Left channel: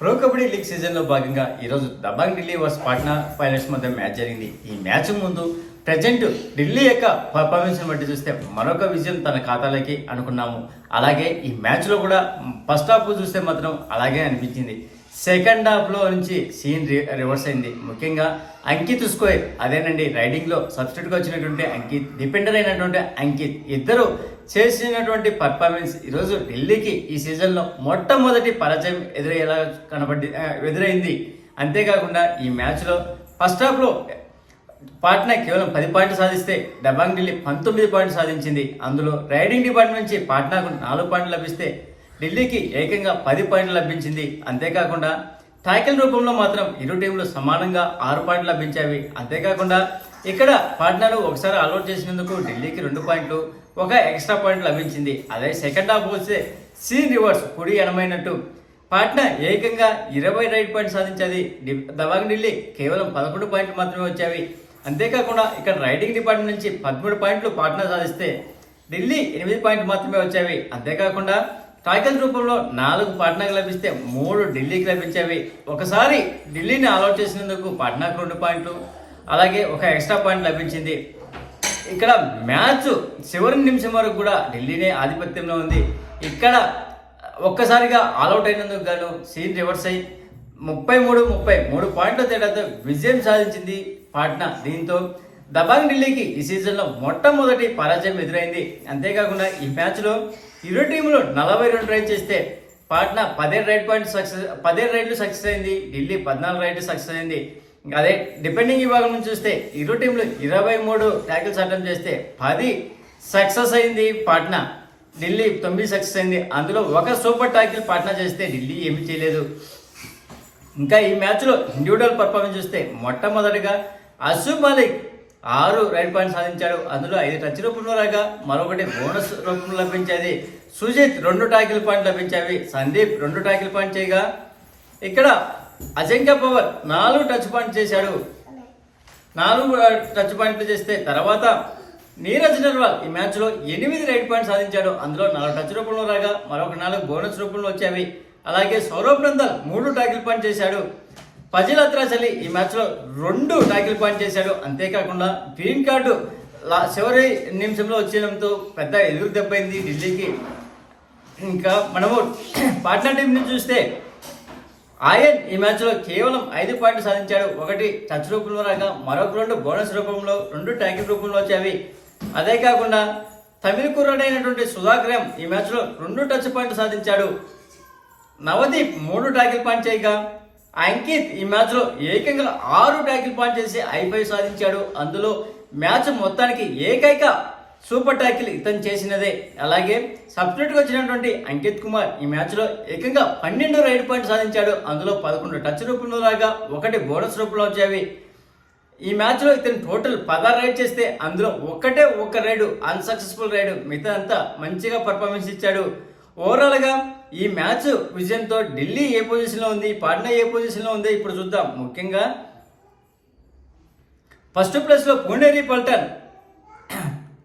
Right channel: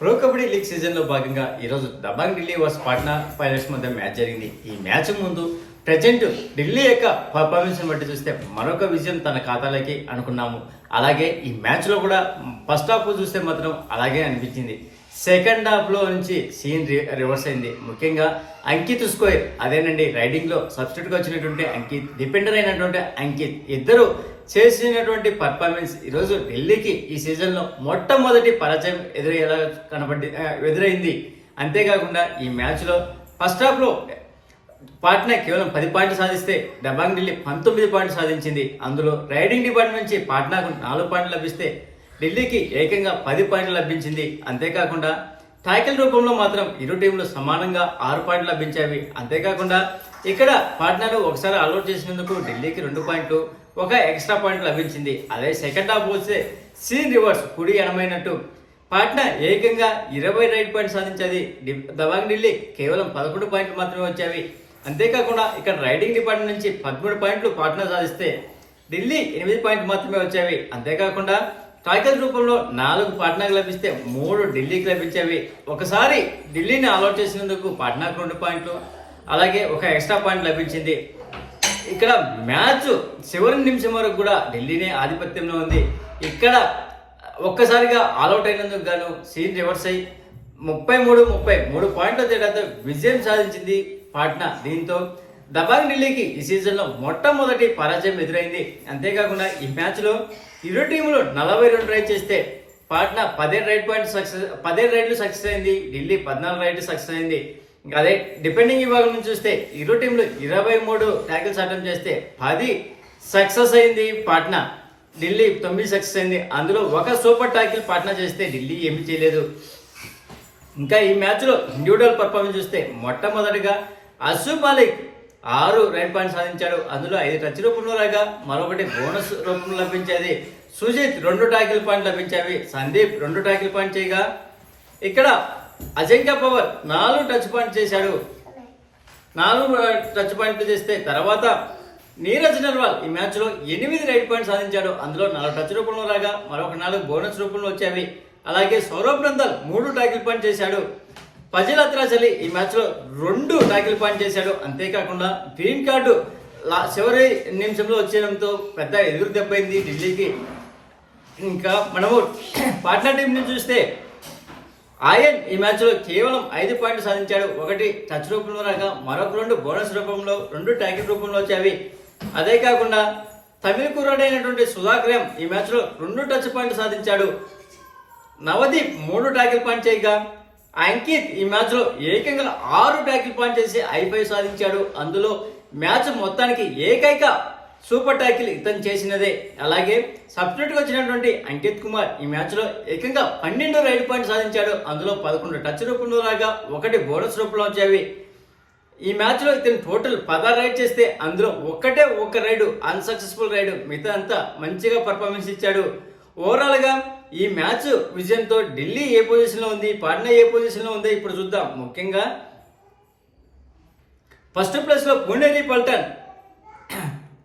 Pro kabaddi league సీజన్లో భాగంగా ఈరోజు దబాంగ్ ఢిల్లీ వర్స్ పాట్నా పైలట్స్ మధ్య మ్యాచ్ జరిగింది. ఈ మ్యాచ్ ముందు ప్రజెంట్ ఢిల్లీ యొక్క పర్ఫార్మెన్స్ బట్టి చూస్తే మరొక విజయం తన ఖాతాలోకి అనుకున్నాము. అలాగే ఈ మ్యాచ్లో కూడా ఫస్ట్ హాఫ్ చూస్తే మాత్రం అలాగే అనిపించింది. సెకండ్ హాఫ్లో నుంచి సీన్ రివర్స్ అయింది. ముఖ్యంగా అంకిత్ స్కోయర్ అదేనండి రైడింగ్లో సబ్స్టిట్యూట్గా వచ్చినటువంటి అంకిత్, డిపెండర్ అయినటువంటి అంకిత్ ఇద్దరు చేసినటువంటి పర్ఫార్మెన్స్ ఈరోజు ఢిల్లీకి ఈ సీజన్లో మొట్టమొదటి పరాజయం ఎదురైంది. అంతేకాకుండా ఈ మ్యాచ్లో ఫస్ట్ హాఫ్లో పాట్నా కేవలం 10 పాయింట్లు సాధిస్తే దబాంగ్ ఢిల్లీ 19 పాయింట్లు సాధించింది. అందులో రైడింగ్ డిపార్ట్మెంట్ నుంచి పాట్నాకు 4 పాయింట్లు లభిస్తే ఢిల్లీకి ఏకంగా 10 పాయింట్లు లభించింది. అంతేకాకుండా టాకిల్ రూపంలో మాత్రం ఇరు టీంలు సమానంగా 6 పాయింట్లు లభించాయి. అంతేకాకుండా ఇక్కడ పాట్నాను ఒకసారి ఆల్అౌట్ చేసినందుకు ఢిల్లీకి 2 పాయింట్లు, ఒక ఎక్స్ట్రా పాయింట్ లభించింది. అదే సెకండ్ హాఫ్ వస్తే సీన్ రివర్స్, కుడి ఎనమైనట్టు పాట్నా ఏకంగా 20 రైట్ పాయింట్ సాధించేది. దబాంగ్ ఢిల్లీ కేవలం 11 పాయింట్లు మాత్రమే వచ్చాయి. అంతేకాకుండా ఇక్కడ రైడింగ్ డిపార్ట్మెంట్ నుంచి 13 పాయింట్లు పాట్నా సాధిస్తే ఢిల్లీ 8 పాయింట్లు మాత్రమే వచ్చాయి. అంతేకాకుండా టాకిల్ రూపంలో 4 పాట్నాకు లభిస్తే 3 ఢిల్లీకి లభించేవి. ఒకసారి ఢిల్లీని ఆల్అౌట్ చేసినందుకు పాట్నాకు 2 పాయింట్లు, అలాగే ఒక ఎక్స్ట్రా పాయింట్ లభించింది. ఇక్కడ మ్యాచ్ చివరి నిమిషం వరకు కూడా ఢిల్లీనే ఆధిపత్యంలో ఉంది. ఇక్కడ ఒక్కసారిగా ఆల్అౌట్ అయినందుకు గాను సీన్ రివర్స్ అయ్యి 33 పాయింట్ల తేడాతో విజయం సాధించింది పాట్నా. దీంతో దబాంగ్ ఢిల్లీకి ఈ సీజన్లో మొట్టమొదటి పరాజయం ఎదురైంది. అంతేకాకుండా ఈ మ్యాచ్లో ఇరు టీములు 42 రైడ్ చేస్తే పాట్నా 17 రైడ్లు సక్సెస్ అయింది, ఢిల్లీ 14 రైడ్లు సక్సెస్ అయింది. అదే డిపెండింగ్ విభాగం నుంచి చూస్తే ఇరు టీంలు 23 ట్యాకిల్స్ అటెంప్ట్ చేస్తే 10 సక్సెస్ అయింది పాట్నా, ఢిల్లీ 9 సక్సెస్ అయింది. అందులో ఒక సూపర్ ట్యాకిల్ పాట్నా చేస్తే ఢిల్లీ ఏమీ చేయలేదు. ఇంకా ఈ మ్యాచ్లో ఇండివిజువల్ పర్ఫార్మెన్స్ చూస్తే మొట్టమొదటిగా అసూబ్ మాలిక్ 6 రైట్ పాయింట్ సాధించాడు. అందులో 5 టచ్ రూపంలో రాగా మరొకటి బోనస్ రూపంలో లభించేది. సుజిత్ 2 టాకిల్ పాయింట్ లభించాయి. సందీప్ 2 టాకిల్ పాయింట్ చేయగా ఇక్కడ అజంక్య పవర్ 4 టచ్ పాయింట్ చేశాడు. 4 టచ్ పాయింట్లు చేస్తే తర్వాత నీరజ్ నర్వాల్ ఈ మ్యాచ్లో 8 రైట్ పాయింట్ సాధించాడు. అందులో 4 టచ్ రూపంలో రాగా మరొక 4 బోనస్ రూపంలో వచ్చాయి. అలాగే సౌరభ్ నందల్ 3 టాకిల్ పాయింట్ చేశాడు. ఫజిల్ అత్రాస్ అలీ ఈ మ్యాచ్లో 2 టాకిల్ పాయింట్ చేశాడు. అంతేకాకుండా గ్రీన్ కార్డు చివరి నిమిషంలో వచ్చేయడంతో పెద్ద ఎదురు దెబ్బైంది ఢిల్లీకి. ఇంకా మనము పాట్నా టీం నుంచి చూస్తే ఆయన్ ఈ మ్యాచ్లో కేవలం 5 పాయింట్లు సాధించాడు. 1 టచ్ రూపంలో రాగా మరొక 2 బోనస్ రూపంలో, 2 ట్యాకిల్ రూపంలో వచ్చాయి. అదే కాకుండా తమిళ కుర్రాడైనటువంటి సుధాకర్ ఈ మ్యాచ్లో 2 టచ్ పాయింట్లు సాధించాడు. నవదీప్ 3 ట్యాకిల్ పాయింట్ చేయగా అంకిత్ ఈ మ్యాచ్లో ఏకంగా 6 ట్యాకిల్ పాయింట్ చేసి I5 సాధించాడు. అందులో మ్యాచ్ మొత్తానికి ఏకైక సూపర్ ట్యాకిల్ ఇతను చేసినదే. అలాగే సబ్స్టిట్యూట్గా వచ్చినటువంటి అంకిత్ కుమార్ ఈ మ్యాచ్లో ఏకంగా 12 రైడ్ పాయింట్ సాధించాడు. అందులో 11 టచ్ రూపంలో రాగా 1 బోనస్ రూపంలో వచ్చాయి. ఈ మ్యాచ్లో ఇతను టోటల్ 16 రైడ్ చేస్తే అందులో ఒక రైడు అన్సక్సెస్ఫుల్ రైడు, మిగతా అంతా మంచిగా పర్ఫార్మెన్స్ ఇచ్చాడు. ఓవరాల్గా ఈ మ్యాచ్ విజయంతో ఢిల్లీ ఏ పొజిషన్లో ఉంది, పాట్నా ఏ పొజిషన్లో ఉంది ఇప్పుడు చూద్దాం. ముఖ్యంగా ఫస్ట్ ప్లేస్లో పుణేరి పల్టన్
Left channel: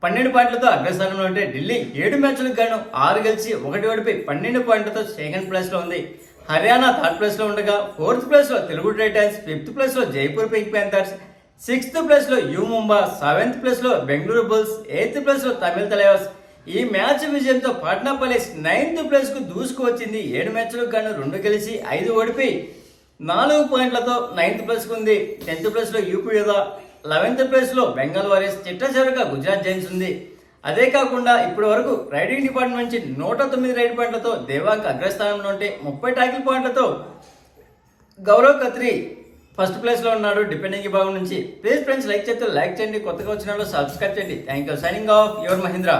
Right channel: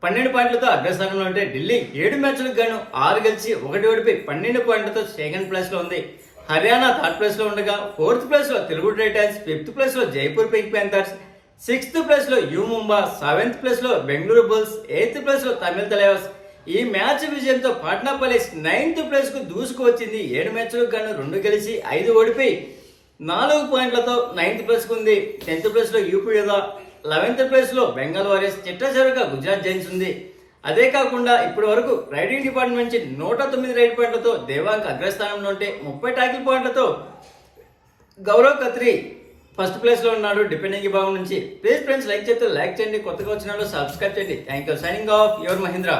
12 పాయింట్లతో అగ్రస్థానంలో ఉంటే ఢిల్లీ 7 మ్యాచ్లకు గాను 6 గెలిచి 1 ఓడిపోయి 12 పాయింట్లతో సెకండ్ ప్లేస్లో ఉంది. హర్యానా థర్డ్ ప్లేస్లో ఉండగా 4th ప్లేస్లో తెలుగు టైటన్స్, 5th ప్లేస్లో జైపూర్ పింక్ ప్యాంథర్స్, 6th ప్లేస్లో యు ముంబా, 7th ప్లేస్లో బెంగళూరు బుల్స్, 8th ప్లేస్లో తమిళ తలైవాస్. ఈ మ్యాచ్ విజయంతో పాట్నా పైలట్స్ 9th ప్లేస్కు దూసుకువచ్చింది. 7 మ్యాచ్లకు గాను 2 గెలిచి 5 ఓడిపోయి 4 పాయింట్లతో 9th ప్లేస్కు ఉంది. 10th ప్లేస్లో యూపీ యోధా, 11th ప్లేస్లో బెంగాల్ వారియర్స్, చిట్టచివరిగా గుజరాత్ జైన్స్ ఉంది. అదే కాకుండా ఇప్పటి వరకు రైడింగ్ డిపార్ట్మెంట్ నుంచి 109 రైడ్ పాయింట్లతో దేవాంగ్ అగ్రస్థానంలో ఉంటే 30 టాకిల్ పాయింట్లతో గౌరవ్ ఖత్రి ఫస్ట్ ప్లేస్లో ఉన్నాడు డిపెండింగ్ విభాగం నుంచి. ప్లీజ్ ఫ్రెండ్స్ లైక్ చేస్తే లైక్ చేయండి, కొత్తగా వచ్చిన వాళ్ళు సబ్స్క్రైబ్ చేయండి. Thank you. Signing off your Mahindra.